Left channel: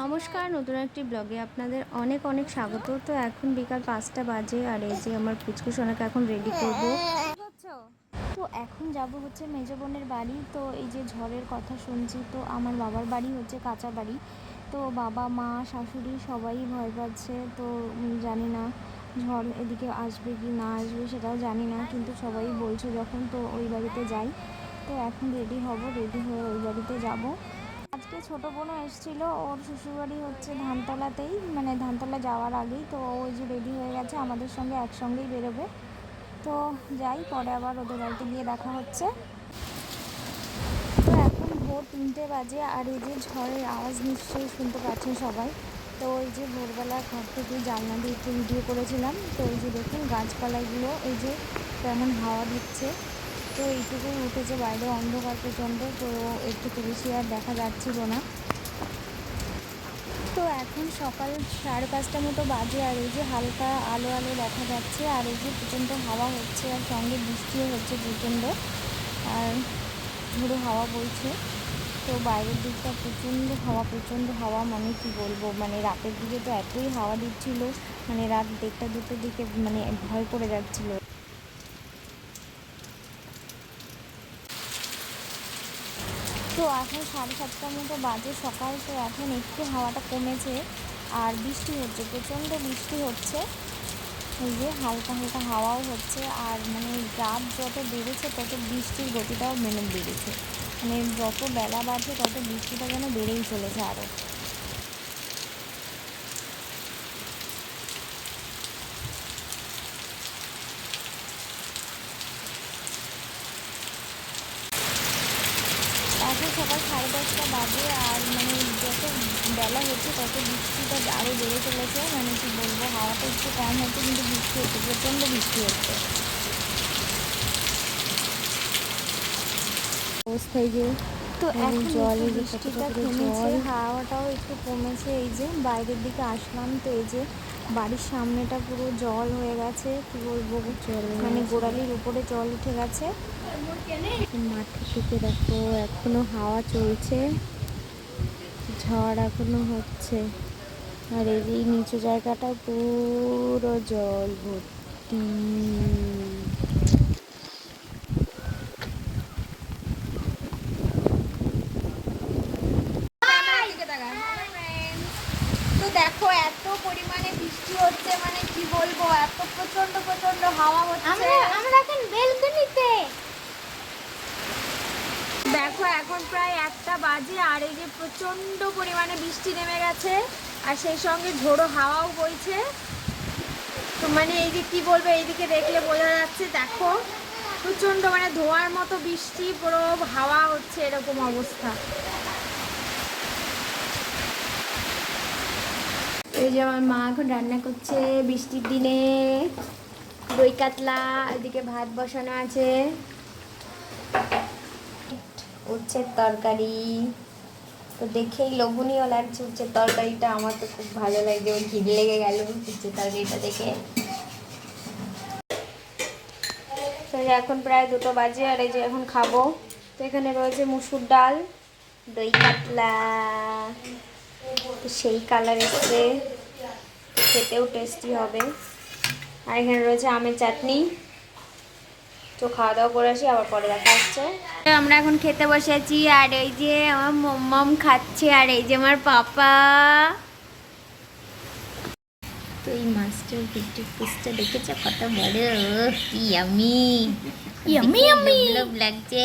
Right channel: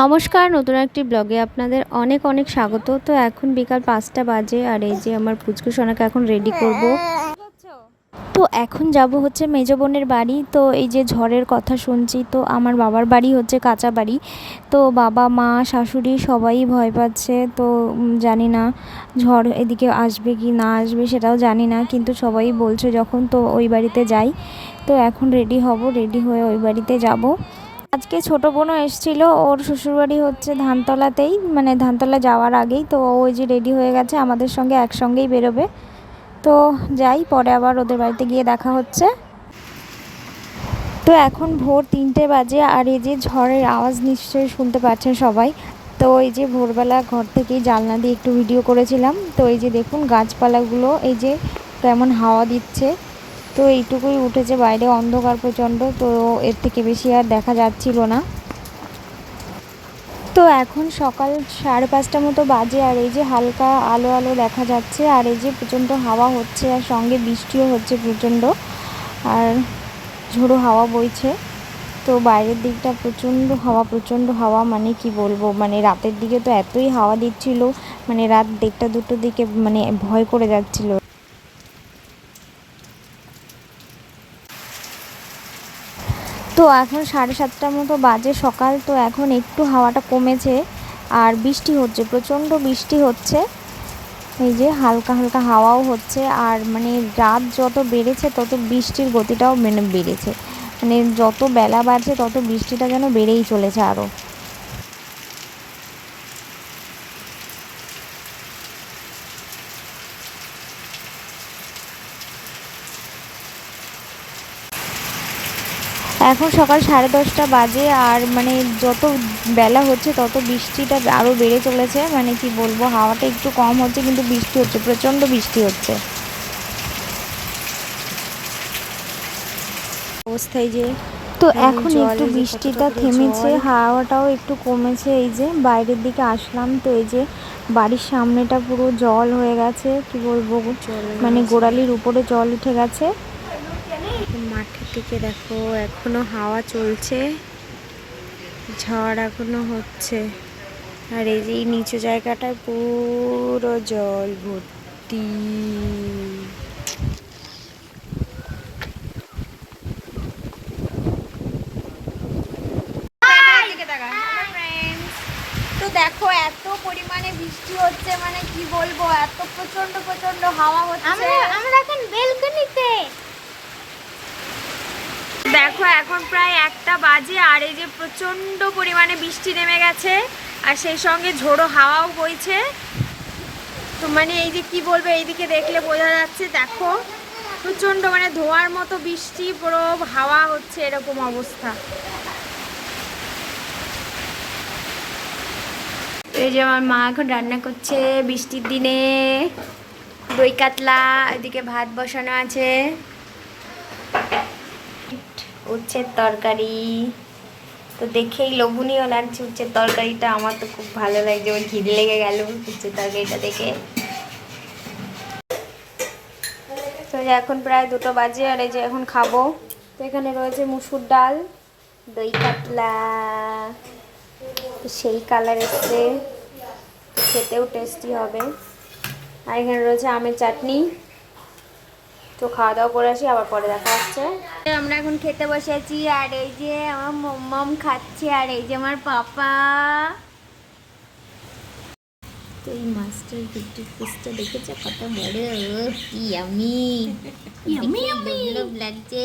নমস্কার, নতুন একটি ব্লগে আপনাদের অনেক অনেক স্বাগত। তো এখন বিকাল 5টা বাজে আর এই যে আমার পুচকু সোনাকে এখন রেডি করব। তো এখন যাব হচ্ছে মেজো বোনের বাড়ি। তো এই যে ঝড়ের কথা শুনছি, তো আমার বাবার বাড়ি হচ্ছে কাঁচা বাড়ি। তো বাবা মা শাশুড়ি সবাই ভয় পাচ্ছে। তো জানি না ঝড় এদিকে আসবে কি না আসবে সেটাও জানি না, কিন্তু সবাই বলছে যখন তো ওই বাড়িতে যাই। তো এখন রেডি হব, রেডি হয়ে ওই বাড়িতে যাব। আজকে ছোটো বোনও এসেছিল, ওর শ্বশুরবাড়ি হচ্ছে ধানতলাতেই, মানে ধানতলা যাওয়ার আগেই। তো ওই যে রেডি হয়ে গেছে, আমাদের সঙ্গে একসঙ্গেই বেরোবে। তো যাই, পরে আবার ওদের বাড়িতে গিয়ে দেখা হচ্ছে। তো এখন ভোর 3টে বাজে আর এই যে ঝড়ের আওয়াজ নিশ্চয়ই শুনতে পাচ্ছেন সবাই। তো এই যে ভোরবেলা ঘর থেকেই জানলা দিয়ে একটু ভিডিও করেছিলাম। তো এই যে দেখুন গাছপালাগুলো এই যে কেমন হাওয়া দিচ্ছে। তো এইটুকুই উঠেছে, বাইরে অন্ধকার প্রচণ্ড, তো এর থেকে বেশি আর দেখা যাচ্ছিল না। তো এখন সকাল 5:30 মতো বাজে আর এই যে হালকা আলো আলো দেখা যাচ্ছে আর এই যে প্রচণ্ড হাওয়া হচ্ছে আর সঙ্গে বৃষ্টিও হচ্ছে প্রচণ্ড, আর ঝোড়ো হাওয়া বইছে। তো বাইরের দিকটা প্রচণ্ড হাওয়া, মানে কি বলবো, মানে রাতের দিকে তো এতই হাওয়া দিচ্ছিল, মানে রাত 1টা 2টোর দিকে মানে ভয় করে যাচ্ছিল। তো এখন 7:30 মতো বাজে সকাল। তো এখন একটু হাওয়াটা কমেছে আর বৃষ্টি হচ্ছে, প্রচণ্ড বৃষ্টি হচ্ছে। এই যে হালকা হালকা হাওয়াও হচ্ছে আর মানে রাত যত বেড়েছে তত বৃষ্টির গতিটাও বেড়েছে, মানে যত বেলা বাড়ছে তত বৃষ্টিটা যেন বেড়েই চলেছে আরও। এখন সকাল 10:30 বাজে আর মানে যত বেলা হচ্ছে তত বৃষ্টিটা আরও বেড়ে চলেছে, মানে কি বলবো, হাওয়াটা একটু কম হচ্ছে কিন্তু বৃষ্টি হচ্ছে, প্রচণ্ড বৃষ্টি হচ্ছে অবস্থায় যে। তো এখন একটু বৃষ্টিটা থেমেছে, হাওয়াটাও একটু কমেছে। এই যে বাইরের দিকে আসলাম, তো এই যে বাড়ির সামনেটা পুরো জল হয়ে গেছে, কি বলবো, মানে গোড়ালির উপরে জল উঠে গেছে। মাঠের দিকে দেখো এখনো হাওয়া চলছে, ঝড় এখনো হচ্ছে আর এই যে নিচু জায়গাটায় পুরো জল ভর্তি। তো দেখো এত পরিমাণে বৃষ্টি হচ্ছে, মানে কি বলবো, এত প্রচন্ড প্রচন্ড হাওয়া হচ্ছে। আমরা এখন বেলকনিতে। দেখো এখন প্রায় 1টা বাজে আর এই যে প্রচন্ড পরিমাণে বৃষ্টি নেমে গেছে আর সেই সঙ্গে ঝোড়ো হাওয়াও বইছে। তো মানে এই যে কি বলবো, এইদিকে দেখলে বোঝা যাচ্ছে, দেখো প্রচন্ড মানে ধোঁয়ার মতো বৃষ্টি, পুরো হাওয়া হচ্ছে, এরকম অবস্থা। এই যে আমার মা এখন রান্না করছে বৃষ্টির দিনে, দই কাতলা, এদিকে ভাত বসানো আছে, উচ্ছের তরকারি। তো দেখেই লোভনীয় লাগছে উচ্ছের তরকারিটা, আমার তো খুব ভালো লাগছে, ওর ঘির লেগে গেল উচ্ছের তরকারিটা দেখে। তো এখন প্রায় 2টো বাজে আর এই যে এখন খাবো। তো এখানে রয়েছে মুসুর ডাল, দই কাতলা, তো সেই কালার এসছে, খেতেও টেস্টি হবে। আর এখানে রয়েছে আমের চাটনি। তো খাওয়া দাওয়া করে আসি, আবার পরে দেখা হচ্ছে। আমরা এখন খেতে বসেছি আর এই যে আমার মম খাচ্ছে আর এই যে আমার পাপা। তো এই মাছটার ভিতরে পিসটা দেখেছে কত বড়, ইয়ামি ইয়ামি ইয়ামি লোভ লাগছে।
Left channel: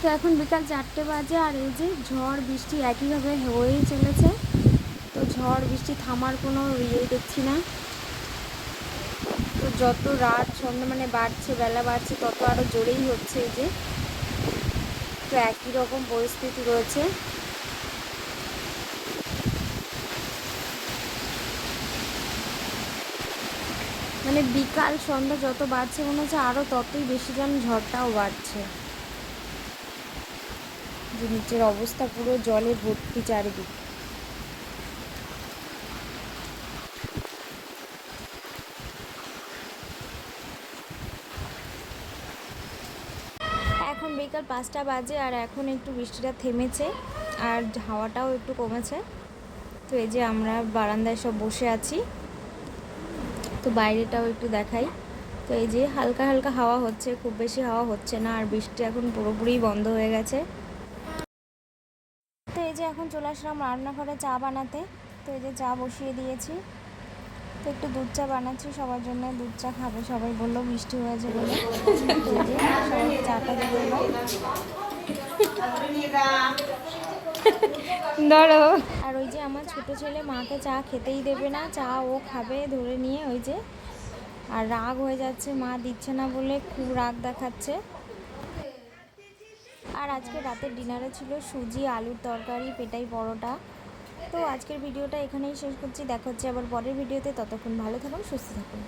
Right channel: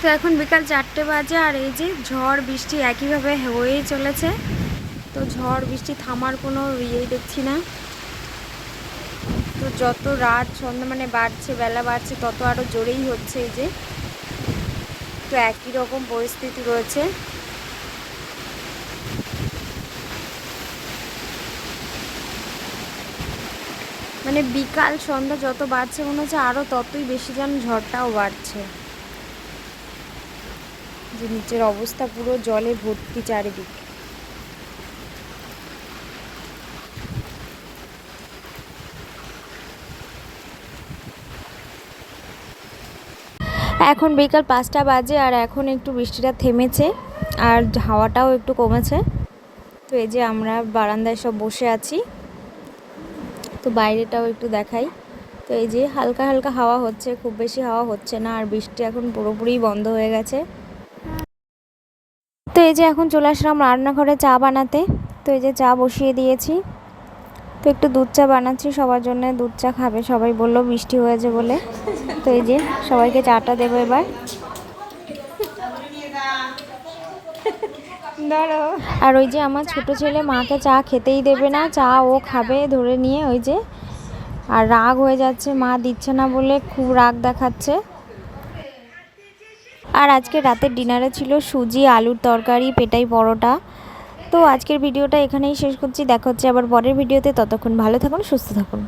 তো এখন বিকাল 4টে বাজে আর এই যে ঝড় বৃষ্টি একইভাবে হয়েই চলেছে। তো ঝড় বৃষ্টি থামার কোনো ইয়েই দেখছি না। তো যত রাত সন্ধ্যা মানে বাড়ছে, বেলা বাড়ছে, তত আরও জোরেই হচ্ছে এই যে। তো একই রকম পরিস্থিতি রয়েছে। মানে বিকাল সন্ধ্যা যত বাড়ছে মনে হচ্ছে আরও ততই বেশি যেন ঝড়টাও বাড়ছে, যে নিচের অবস্থা পুরো জলে ভর্তি চারিদিক। এখন বিকাল 5টা বাজে আর এখন একটু বৃষ্টিটা থেমেছে আর হাওয়াটাও একটু কমেছে। তো এই যে আমরা বারান্দায় সব বসে আছি, তো বাইরেটাও একটু দেখাই। তো এই যে হালকা হালকা হাওয়া হচ্ছে, খুব বেশি হাওয়া হচ্ছে না, আর বৃষ্টি এখন পুরোপুরি বন্ধ হয়ে গেছে। তো এই যে এখন চলে আসলাম রান্নাঘরে চা বানাতে। তো এই যে চা বসিয়ে দিয়েছি, তো একটু দুধ চা বানাচ্ছি সবার জন্য, দুধ চা খাবে সবাই, বললো বৃষ্টি হয়েছে বলে। তো এই যে সবাইকে চাটা দেবো এবার। ধরো। আর ওই যে আমার ছোট ছেলে মাকে চা খেতেই দেবে না, চা ও খাবে ধরে নিয়ে, ওই যে আর রাগ হয়ে যাচ্ছে, মা দিচ্ছে না বলে খুব রাগ দেখাচ্ছে। আর আজকে রাতের ডিনারে ছিল সুজি, আলুর তরকারি, পেটাই পরোটা। তো আজকের ভিডিওটা এখানেই শেষ করছি, দেখা হচ্ছে আবার পরের ভিডিওতে। ততক্ষণ ভালো থাকুন, সুস্থ থাকুন।